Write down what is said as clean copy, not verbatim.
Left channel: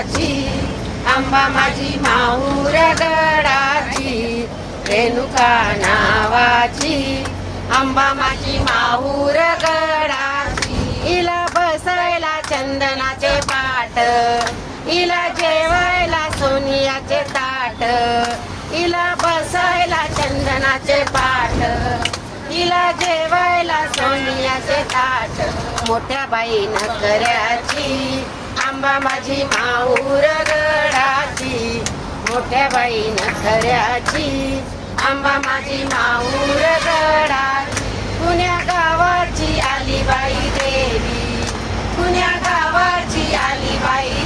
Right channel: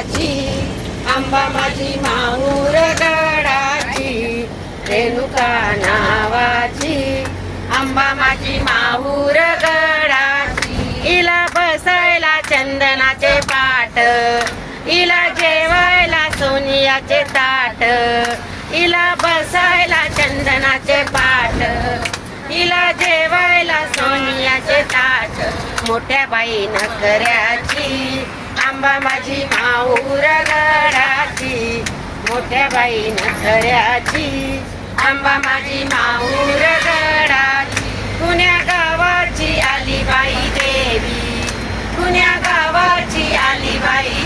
गावाची, आंबा माझी माहूर गडाची, रेणुका नावाची, आंबा माझी माहूर गडाची. इला बसायला चंदनाचे पाट, इला जेवायला सोनियाचे ताट, इला बसायला चंदनाचे पाट, इला जेवायला सोनियाचे ताट. मोठ्या बाई नखऱ्याची, आंबा माझी माहूर गडाची, मोठ्या बाई नखऱ्याची, आंबा माझी माहूर गडाची. पुण्या गावाची आली बाई देवी, पुण्या गावाची आली बाई